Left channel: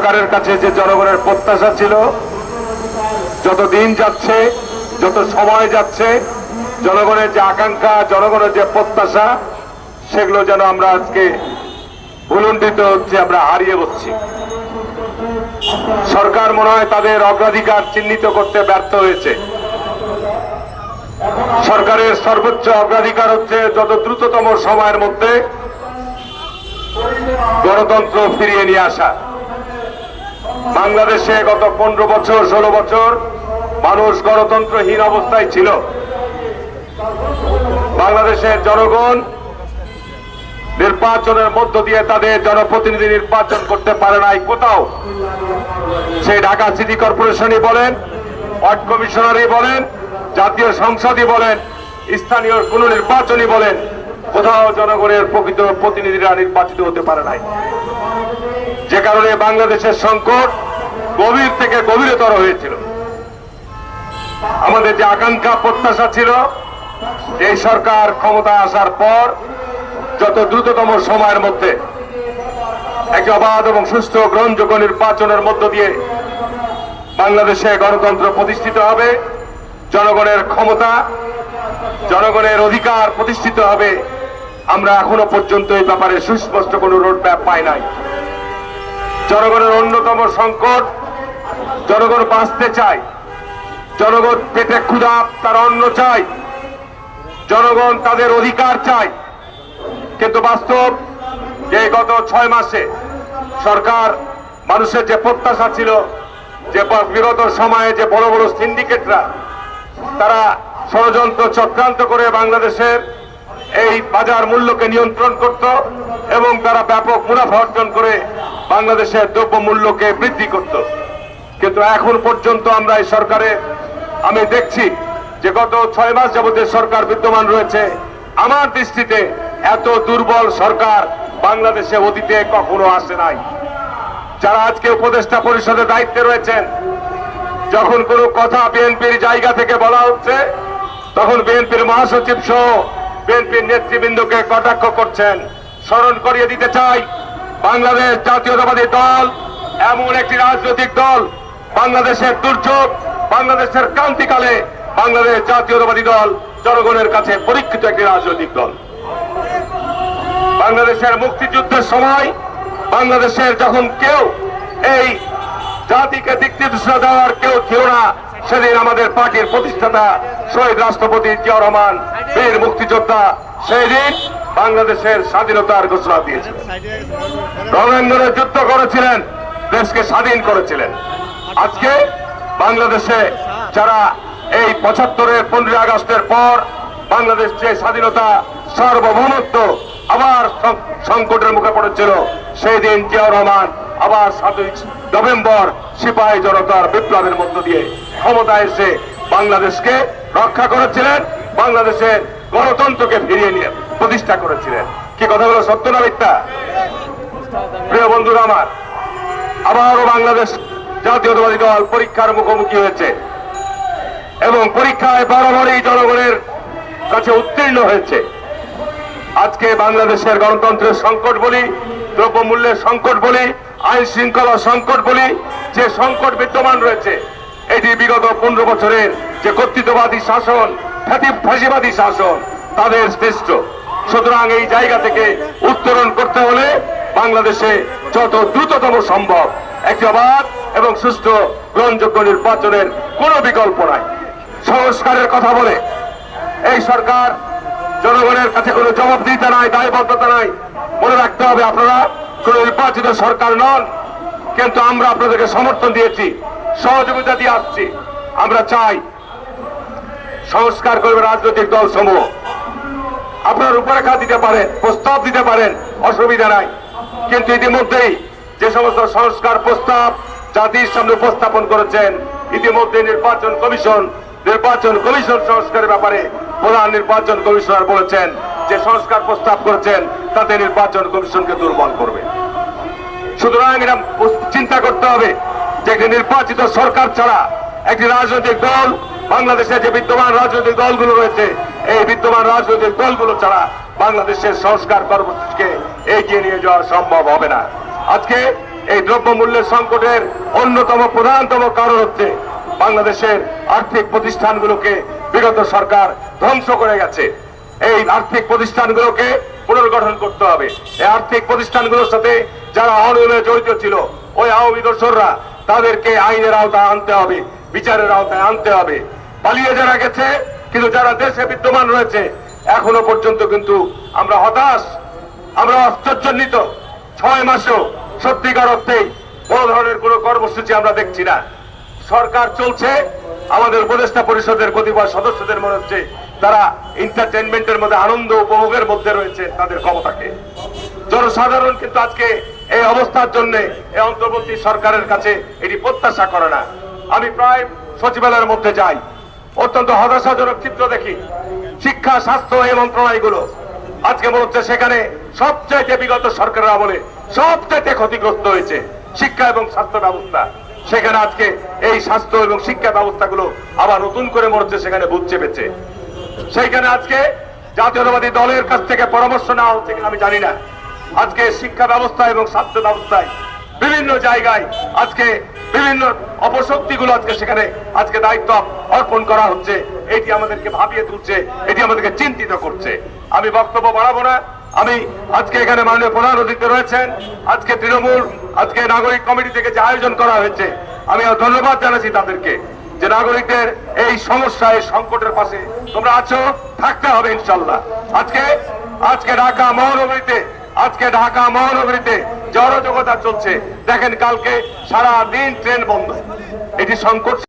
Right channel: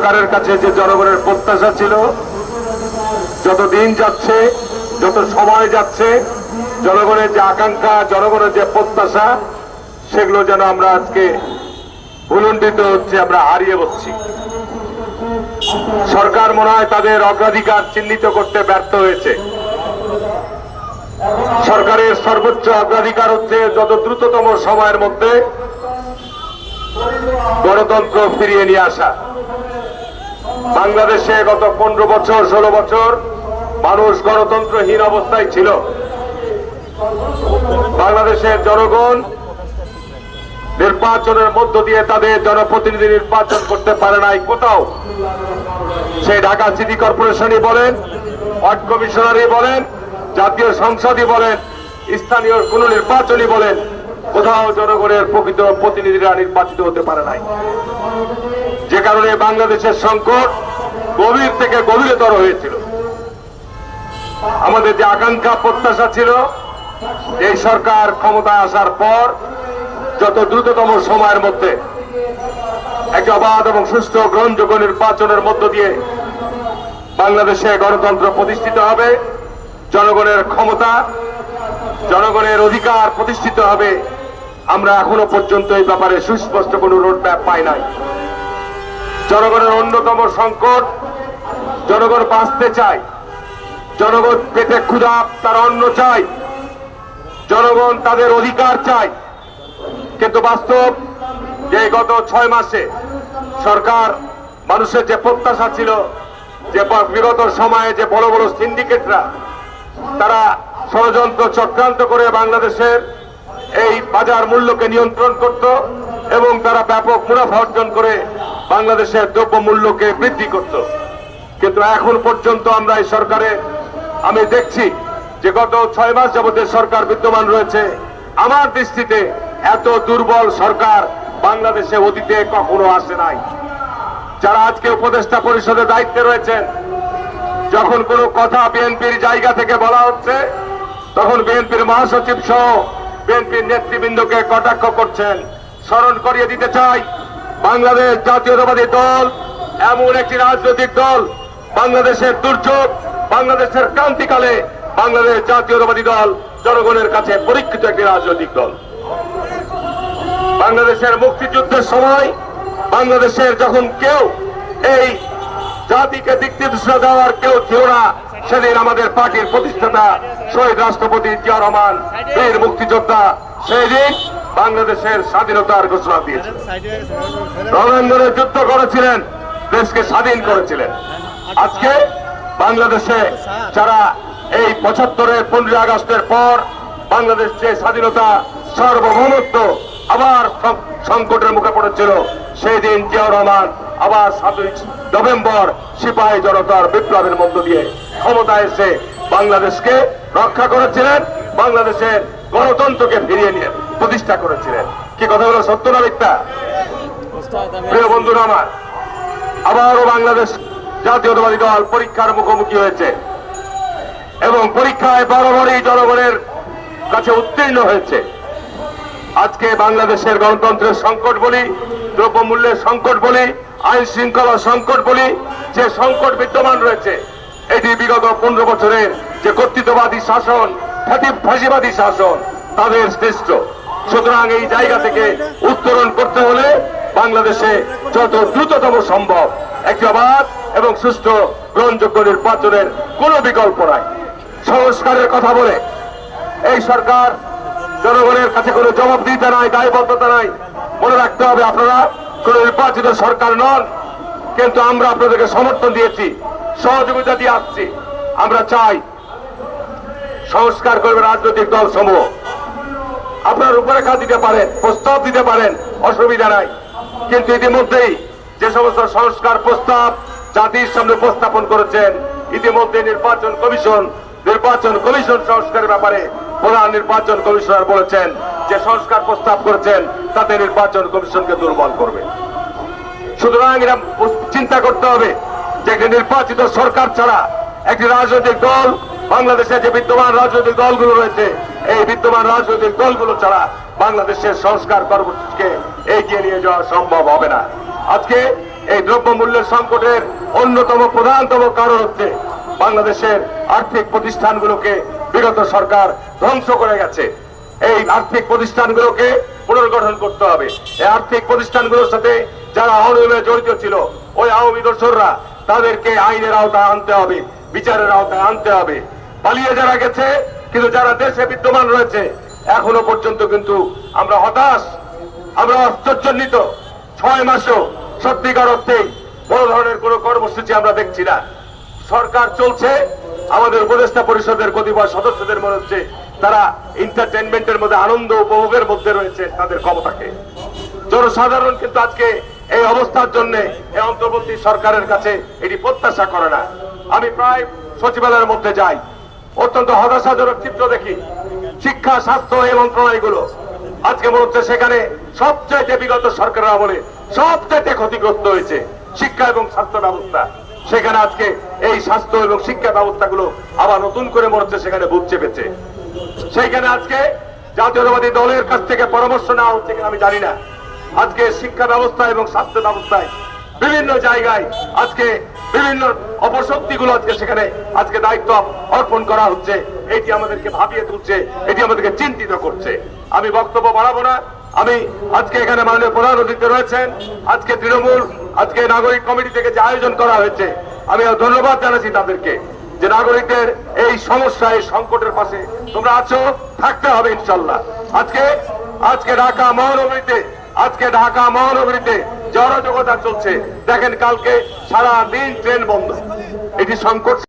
সরকারের কাছে যে জনগণের প্রত্যাশা ছিল, যত দিন যাচ্ছে, যত সময় যাচ্ছে, জনগণের যে আকাঙ্ক্ষা, জনগণের যে প্রত্যাশা, সেগুলো যেন আমরা আজকে ভুলণ্ডিত হচ্ছে, আমরা হারিয়ে বসছি। সরকার মনে হয় তাদের অগ্রাধিকার চিহ্নিত করতে ব্যর্থ হয়েছে। সরকারের সর্বোচ্চ অগ্রাধিকার হচ্ছে যত দ্রুততম সময়ের মধ্যে গণতন্ত্র ফিরিয়ে নিয়ে আসা। বাংলাদেশে গত 15 বছর 16 বছর মানুষ গণতন্ত্রহীন অবস্থায় ছিল। বাংলাদেশের জনগণ নির্বাচনের মধ্য দিয়ে তাদের জনপ্রতিনিধি নির্বাচন করতে পারে নাই কোথাও। সেই ঢাকা সিটি কর্পোরেশনই বলেন, ওয়ার্ড কমিশনারই বলেন, জাতীয় সংসদই বলেন, স্থানীয় কোন নির্বাচনই বলেন, কোথাও জনগণের প্রকৃত প্রতিনিধিরা নির্বাচিত হতে পারে নাই। যে কারণে বাংলাদেশের সংকট গভীর থেকে গভীরতর হয়েছিল। আমাদের যে আকাঙ্ক্ষা প্রত্যাশা ছিল, এই সরকার ক্ষমতায় আসার পর যত দ্রুততম সময়ের মধ্যে একটি অবাধ এবং সুষ্ঠু গ্রহণযোগ্য নির্বাচনের মধ্য দিয়ে বাংলাদেশে গণতন্ত্র প্রতিষ্ঠিত হবে, জনগণের ক্ষমতা, জনগণের অধিকার প্রতিষ্ঠিত হবে, আমরা এখনো পর্যন্ত এই ব্যাপারে সুস্পষ্ট কোন রোডম্যাপ পাই নাই। জনগণের অন্যতম সংকট, জনগণ বাঁচতে চায়, জনগণ পেটে ক্ষুধা, তারা অন্ন চায়, জনগণ তাদের অধিকার চায়। কিন্তু বাস্তব যে গত 6 মাসে সরকার মানুষের যে প্রত্যাশা ছিল, যে বিগত সময়ে যে বড় বড় সিন্ডিকেটরা তারা ষড়যন্ত্র চক্রান্ত করে বাংলাদেশের এই বাজার মূল্যকে নিয়ন্ত্রণ করত এবং তারা ব্যাপক মুনাফা অর্জন করে বাংলাদেশের দ্রব্য মূল্যকে বৃদ্ধি করত। কিন্তু এখন পর্যন্ত আমরা এই সরকারের আমি দেখছি যে গত 6 মাস যাবতীয় সরকার বিদ্যমান রয়েছে, আমার দৃষ্টিতে এত দুর্বল সরকার বাংলাদেশে অতীতে কখনো আসে নাই। যারা আজকে উপদেষ্টা পরিষদের দায়িত্বে রয়েছেন, যখন কোনো কথা বিএনপির জায়গা থেকে বলা হচ্ছে, তখন বিএনপির মহাসচিব সহ বিএনপির নেতৃবৃন্দকে কটাক্ষ করছেন। স্মরণ করিয়ে দিতে চাই, বাংলাদেশ জাতীয়তাবাদী দল এমন একটি রাজনৈতিক দল, বাংলাদেশের দুর্যোগ, বাংলাদেশের ক্রান্তিকালে বাংলাদেশ জাতীয়তাবাদী দল জনগণের কাছে পরীক্ষিত একটি রাজনৈতিক দল। বাংলাদেশের মুক্তিযুদ্ধের সময় বাংলাদেশের যখন কেউ এই জাতিকে দিক নির্দেশনা দেওয়ার কেউ ছিল না, সেদিন আমাদের পার্টির প্রতিষ্ঠাতা শহীদ রাষ্ট্রপতি জিয়া রহমান, বীর মুক্তিযোদ্ধা, সেই দিন বাংলাদেশের স্বাধীনতার ঘোষণা দিয়েছিলেন, রণাঙ্গনে যুদ্ধ করেছিলেন, দেশকে স্বাধীন করেছিলেন। আজকে বাংলাদেশে যারা এই 75-এর 15 আগস্টের পর বাংলাদেশ যে স্বাধীনতা সার্বভৌমত্ব আবার সংকটের মুখে পড়েছিল, সেই দিন জিয়া রহমান আবার 7 নভেম্বর সিপাহী জনতার বিপ্লবের মধ্য দিয়ে ক্ষমতায় এসে বাংলাদেশকে রক্ষা করেছিলেন, বাংলাদেশের গণতন্ত্রকে ফিরিয়ে নিয়ে প্রতিষ্ঠা করেছিলেন। কি কথাগুলো সত্য না মিথ্যা? প্রিয় বন্ধুরা আমার, আবারও বাংলাদেশ জাতীয়তাবাদী দল পরীক্ষার মুখোমুখি হয়েছে এবং পরীক্ষায় বরাবরই জনগণের কাছে উত্তীর্ণ হয়েছে। আজকে বাংলাদেশের গণতন্ত্রের সংকট বলি, দ্রব্যমূল্যের সংকট বলি, আইন শৃঙ্খলা সংকট বলি, যে সংকট বিদ্যমান রয়েছে, এটি বিগত 15 বছরের যে কর্তৃত্ববাদী শাসন, ফ্যাসিবাদী শাসন তাদের শ্রেষ্ঠ। সুতরাং এই জায়গা থেকে উত্তরণ করতে হলে বাংলাদেশে যত দ্রুততম সম্ভব একটি অবাধ এবং সুষ্ঠু গ্রহণযোগ্য নির্বাচনের কোনো বিকল্প নাই। সংস্কারের কথা বলে এই সরকার জনগণের কাছে কোনো জবাবদিহিতা নাই, দায়বদ্ধতা নাই। মনে রাখতে হবে, আপনারা কোন নির্বাচিত সরকার নন, কিন্তু আমরা আপনাদেরকে সমর্থন দিয়েছি, সহযোগিতা দিয়ে আসছি। আমরা চাই সংস্কার করবে রাজনৈতিক দল সমূহ, আপনার রূপরেখা দিতে পারেন, প্রস্তাব দিতে পারেন, অসুবিধা নাই। কিন্তু ইতিমধ্যেই যে সমস্ত সংস্কার প্রস্তাব জাতির সামনে উপস্থাপন করেছেন, ইতিমধ্যে নির্বাচন কমিশন সংস্কারের ব্যাপারে প্রধান নির্বাচন কমিশনার বলেছেন যে সংস্কার প্রস্তাব করেছেন তাতে নির্বাচন কমিশনকে দুর্বল করবে। সুতরাং এরা চিন্তা করতে হবে যে একটি নির্বাচিত সরকার ছাড়া একটি রাজনৈতিক দল, বাংলাদেশে যে বিদ্যমান রাজনৈতিক দলগুলো রয়েছে, এই বিদ্যমান রাজনৈতিক দলগুলো ছাড়া বাংলাদেশের সংস্কার কর্মসূচিকে এগিয়ে নিয়ে যাওয়া সম্ভব হবে না। আজকে এই দ্রব্যমূল্যের সংকটের অন্যতম প্রধানতম কারণ হচ্ছে বাংলাদেশের আর্থিক প্রতিষ্ঠানগুলোকে বিগত সরকার ধ্বংস করে গেছে। এই আর্থিক প্রতিষ্ঠানগুলোকে পুনর্গঠন করতে হবে। এই আর্থিক প্রতিষ্ঠানগুলোর সাথে যারা অনিয়মে জড়িত ছিল, ওই আওয়ামী দোসররা, তাদেরকে আইনের আওতায় আনতে হবে, বিচারের আওতায় আনতে হবে। পালিয়ে যারা গেছে, কিন্তু যারা দেশে বিদ্যমান রয়েছে, এখনো পর্যন্ত কিন্তু আমরা হতাশ, আমরা আশ্চর্যান্বিত। 6 মাসেও সত্যিকার অর্থেই বড় ধরনের কোনো কর্মসূচি আমরা দেখছি না। সরকার চলছে, আমাদের উপদেষ্টা পরিষদের কতিপয় সদস্যদের মনে হচ্ছে তারা এন্টারটেনমেন্টের মধ্যে, আনন্দ উপভোগের মধ্যে রয়েছে তাদের ক্ষমতাকে। জনসাধারণ কিন্তু আজকে এই অবস্থার জন্য এই অন্তর্বর্তী সরকারের কাছে এটি প্রত্যাশা করে না। আমি প্রায় সচিবালয়ের মধ্যে যাই, অত্যন্ত হতাশাজনক চিত্র দেখি। শিক্ষা, স্বাস্থ্য এই মন্ত্রণালয়গুলো আজকে মনে হচ্ছে সেখানে সবচাইতে বিগত সরকারের আমলে সবচাইতে ক্ষতিগ্রস্ত হয়েছে শিক্ষা এবং স্বাস্থ্য ব্যবস্থা। সেখানে আজকে এই স্বাস্থ্য এবং শিক্ষা ব্যবস্থাগুলো আবার নতুন করে মনে হচ্ছে সেখানে ভূত চেপেছে। সেইখানে আজকে জাতীয়তাবাদী দলের কাছ থেকে পরামর্শ নেওয়া হচ্ছে কিনা আমি জানি না। আজকে শিক্ষা ব্যবস্থা এবং স্বাস্থ্য ব্যবস্থায় বিভিন্ন জায়গায় আজকে বিভিন্ন অপশক্তিগুলো আজকে সেখানে আজকে দায়িত্ব অর্পণ করা হচ্ছে। এটি আমাদেরকে ভাবিয়ে তুলছে, এটি আমাদেরকে চিন্তিত করছে। আমি বক্তব্য বাড়াবো না। আমি আজকে এখানে মাননীয় প্রধান অতিথি রয়েছেন, আজকে তৃণমূল, আজকে নাগরিক কমিটি থেকে যে আয়োজন করা হয়েছে, আমি ধন্যবাদ জানাচ্ছি তাদেরকে যে নাগরিকদের এই সমস্যা, এই সংকটের পাশে তোমরা আছো, থাকতে হবে ইনশাল্লাহ। আজকে ঢাকা মহানগরীতে জড়জগতা চলছে। দেখেন কালকে সারা দিন ট্রেন বন্ধ। এটি সংকট।